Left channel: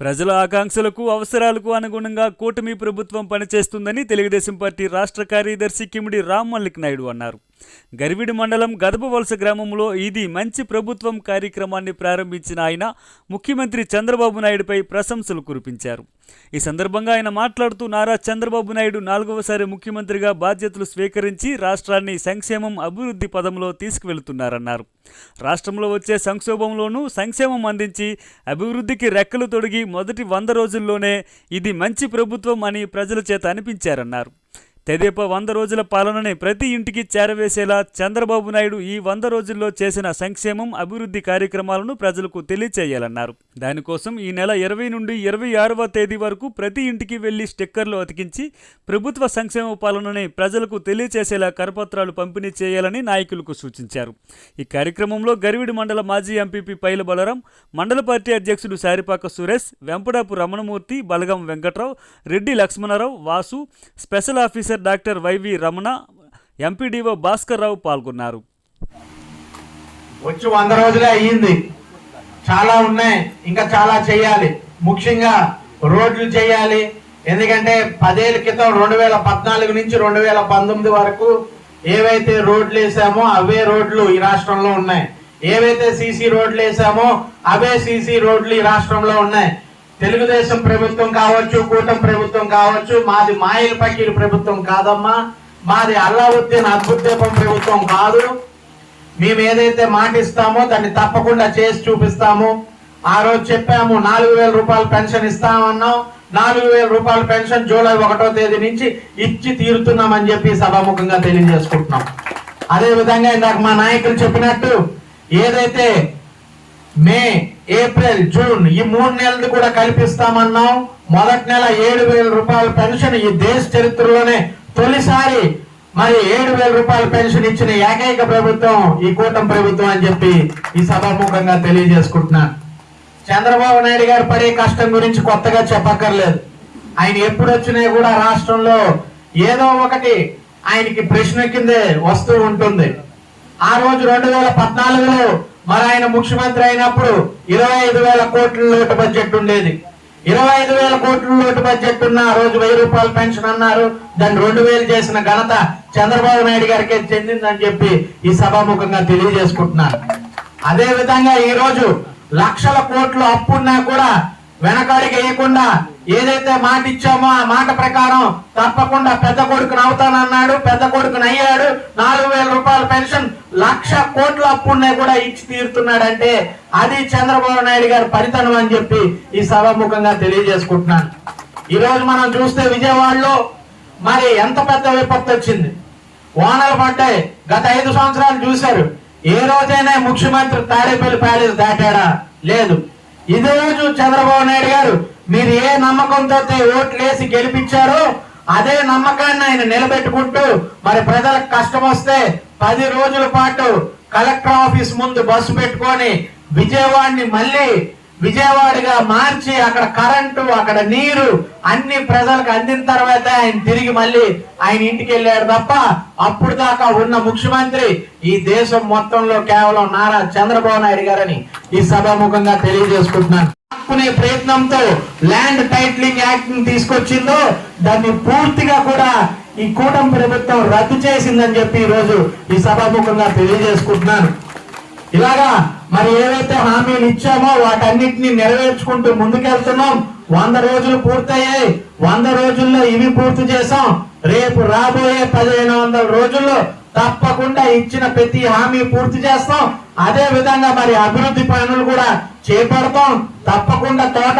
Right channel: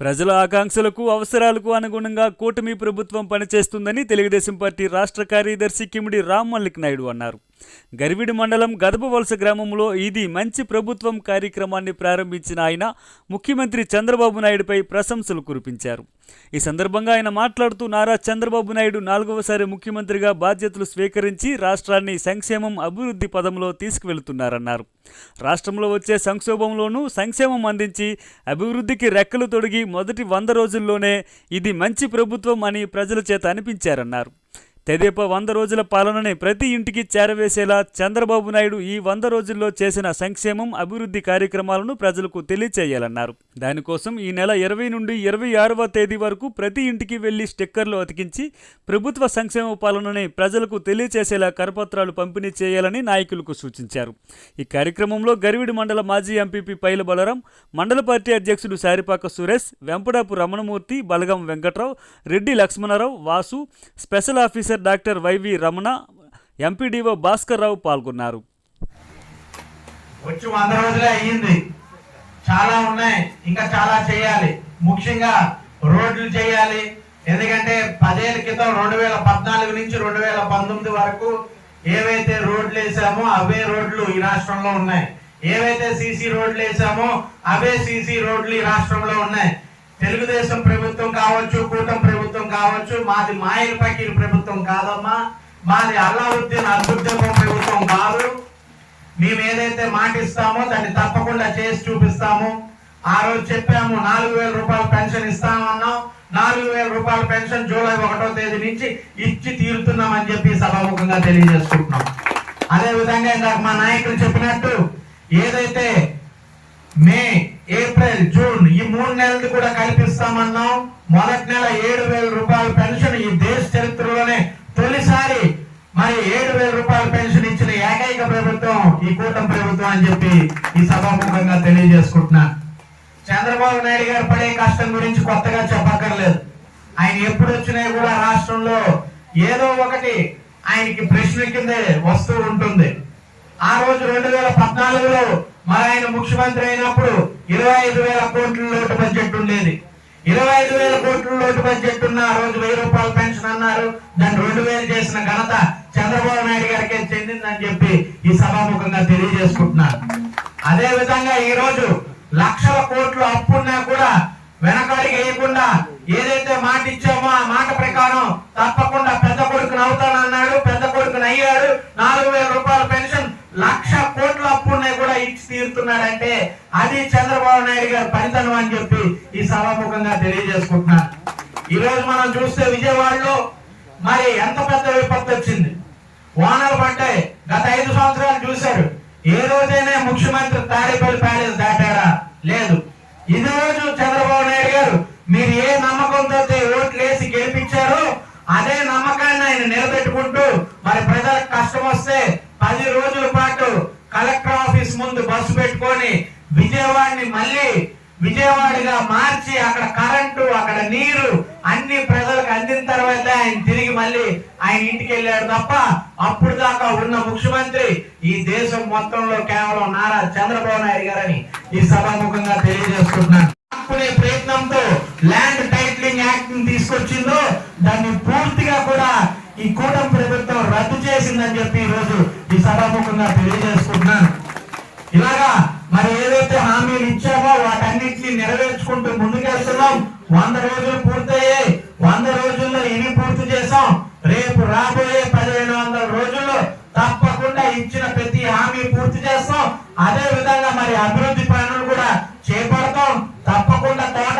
ప్రజల ఆకాంక్షలకు అవసరాలకు అనుగుణంగా కూటమి ప్రభుత్వం పనిచేస్తుందని తెలుగుదేశం పార్టీ రాష్ట్ర కార్యదర్శి కిమిడి రామ్ మల్లిక్ నాయుడు అన్నారు. గరివిడి మండలం గదపవలస గ్రామంలో ఇది మంచి ప్రభుత్వం కార్యక్రమాన్ని ప్రారంభించిన ఆయన ముఖ్యమంత్రి చంద్రబాబు నాయుడుపై ప్రశంసలు కురిపించారు. ఈ సందర్భంగా ఆయన మాట్లాడుతూ నారా చంద్రబాబు నాయుడు 4వసారి ముఖ్యమంత్రిగా బాధ్యతలు స్వీకరించి రాష్ట్రాన్ని సంక్షేమం అభివృద్ధి పదంలో తీసుకువెళుతున్నారన్నారు. రాష్ట్రంలో వచ్చే సంక్షోభంలోనూ సంక్షేమం అందించి అభివృద్ధికి రెక్కలు తొడిగి మొదటి 100 రోజుల్లోనే ఇది మంచి ప్రభుత్వం అని ప్రజల చేత అనిపించారన్నారు. తెదేపా 100 రోజుల పాలనని ప్రతి ఇంటికి చేరవేసేలా చంద్రబాబు నాయుడు ఈ 100 రోజుల్లో చేసిన సంక్షేమం అభివృద్ధి కార్యక్రమాలను ప్రజలకు తెలియచేయాలన్నారు. దానికోసం ఈ నెల 20 నుండి 26వ తేదీ వరకు ప్రతి ఇంటికి వెళ్లి స్టిక్కర్లు అతికించి ప్రభుత్వ సంక్షేమ పాలనని ప్రజలకు తెలియచేసేలా కరపత్రాలు పంపిణీ చేయాలని నాయకులకు సూచించారు. ఈ కార్యక్రమంలో గరివిడి మండల మాజీ ఎంపీపీ పైల బలరాం, మండల పార్టీ అధ్యక్షుడు Saripaka Suresh, Vempadapu Ramanamurthy, Balagam Venkatrao, Reddy Lakshmanarao, Vasu, special officer doctor YV Ramana, MPDO Bhaskar Rao పాల్గొన్నారు. వచ్చి 100 రోజులే అయ్యింది. చాలా ఉన్నాయి, ఇంకా చాలా చేయాలి. ముఖ్యంగా రోడ్లు చేయాలి. ఎందుకంటే 10 ఏళ్ల క్రితం 2014 నుంచి 2019 వరకు ఏవైతే రోడ్లు వేసామో అవే రోడ్లు ఈ రాష్ట్రంలో ఉన్నాయి. ఏవైతే సీసీ రోడ్లు వేసామో అవే సీసీ రోడ్లు ఈ రాష్ట్రంలో ఉన్నాయి. తెలుగుదేశం ప్రభుత్వం కావచ్చు, కూటమి ప్రభుత్వం కావచ్చు, మాది మాయిల్ పకీర్ ప్రభుత్వం కాదమ్మా, మాది అల్లావుద్దీన్ అద్భుతదీపం ప్రభుత్వం కాదు. మేము ఏదైతే మాట ఇస్తామో దాన్ని తప్పకుండా చేసి చూపిస్తాము. ఆ రోజు చెప్పాము 4,000 రూపాయల పెన్షన్ ఇస్తామన్నాం. 4,000 రూపాయల పెన్షన్ జూలై 1వ తేదీ నుంచి ఇచ్చి తీరుతున్నామని చెప్పి సభాముఖంగా తెలియజేసుకుంటున్నాం. అదే విధంగా ఇందాక మా నాయకులు చెప్పినట్టు ఏదైతే మే, ఏప్రిల్, జూన్ ఈ 3 నెలలు కూడా కల్పిస్తామన్నాం. మొదటి నెల 7,000 రూపాయల పెన్షన్ ఈ దేశ చరిత్రలోనే తొలిసారి మరి 7,000 రూపాయల పెన్షన్ ఇచ్చిన ఏకైక ప్రభుత్వం ఈ కూటమి ప్రభుత్వం అని చెప్పి ఈ సభాముఖంగా తెలియజేసుకుంటున్నా. చంద్రబాబు నాయుడు గారు పడే కష్టం గురించి కొత్తగా చెప్పక్కర్లేదు. ఆయన ఎప్పుడు వచ్చినా కూడా రాష్ట్రంలో ఏదో ఒకటి ఆయనకి ప్రశ్న కిందే వస్తూ ఉంటుంది. ఆ రోజు 2014లో మరి ఆయన ముఖ్యమంత్రి అయినప్పుడు 25,000 కోట్ల లోటు బడ్జెట్ ఉండేది. 25,000 కోట్ల లోటు బడ్జెట్ ఉన్న ఆ రోజు 1,000 రూపాయల పెన్షన్ అన్నారు. దాన్ని 2,000 చేసిన ఘనత చంద్రబాబు నాయుడు గారికి చెందిందని చెప్పి ఈ సభాముఖంగా తెలియజేసుకుంటున్నారు. అదే విధంగా ఈ రోజు లక్షల కోట్లు అప్పున్నా కూడా వెనకాడికి వేయకుండా ఏదైతే మాట ఇచ్చామో ఆ మాట ప్రకారం తప్పకుండా పెద్ద కొడుకుని అవుతానన్నాడు. పెద్ద కొడుకుని అయ్యాడు. 4,000 రూపాయల పెన్షన్, 1,00,000 కోట్ల అప్పున్నా కూడా ఇచ్చి తీరుతున్నాడంటే అది చంద్రబాబు నాయుడు గారి పనితనం అని చెప్పి ఈ సభాముఖంగా తెలియజేసుకుంటున్నాను. ఈ రోజు మనం చూస్తే విజయవాడలో మరి ఎంత పెద్ద విపత్తు వచ్చింది. వానలు పడ్డాయి. గత 5 సంవత్సరాలు చూశారు. ఏ రోజైనా ముఖ్యమంత్రి తాడేపల్లి ప్యాలెస్ దాటాడా? లేదు. ఇదే రోజు చంద్రబాబు నాయుడు గారు మీరు ఏ నమ్మకంతో ఓట్లు వేసి గెలిపించారో అదే నమ్మకాన్ని ఆయన నిలబెట్టుకుంటూ మరి ప్రజలకు కష్టం వస్తే 10 రోజుల పాటు కలెక్టర్ ఆఫీస్ ముందు బస్సు పెట్టుకొని విజయవాడని మళ్ళీ విజయవాడగా మార్చి అక్కడ కరెంటు, అక్కడ నీరు అన్ని ప్రజలకు అందిన తర్వాత ఆయన తిరిగి మళ్ళీ ఆయన ఇంటికి వెళ్ళాడు తప్ప అప్పుడు దాకా ఉన్న ముఖ్యమంత్రి ఈ దేశం మొత్తంలో కేవలం నారా చంద్రబాబు నాయుడు గారని ఈ సభాముఖంగా తెలియజేసుకుంటున్నాను. ఆపుకునే ప్రయత్నంతో ల్యాండ్ టైటిలింగ్ యాక్ట్ ని తీసుకొచ్చిందో దాన్ని పూర్తిగా కూడా ఈ కూటమి ప్రభుత్వం రద్దు చేసిందని చెప్పి ఈ రోజు ఈ సభాముఖంగా తెలియజేసుకుంటున్నాను. ఇలాగా మరి ఏవైతే హామీలు ఇచ్చామో వాటన్నిటిని నెరవేర్చుకుంటూ ముందుకెళ్తున్నాం. 100 రోజులు పూర్తయ్యాయి. 100 రోజుల్లో ఇవి పూర్తి చేసాం. రేపు రాబోయే 1,500 రోజుల్లో తప్పకుండా ఇచ్చిన ప్రతి హామీ పూర్తి చేస్తాం. అదే విధంగా మరి అభివృద్ధి పనులు కూడా చేపడతాం. తప్పకుండా తోట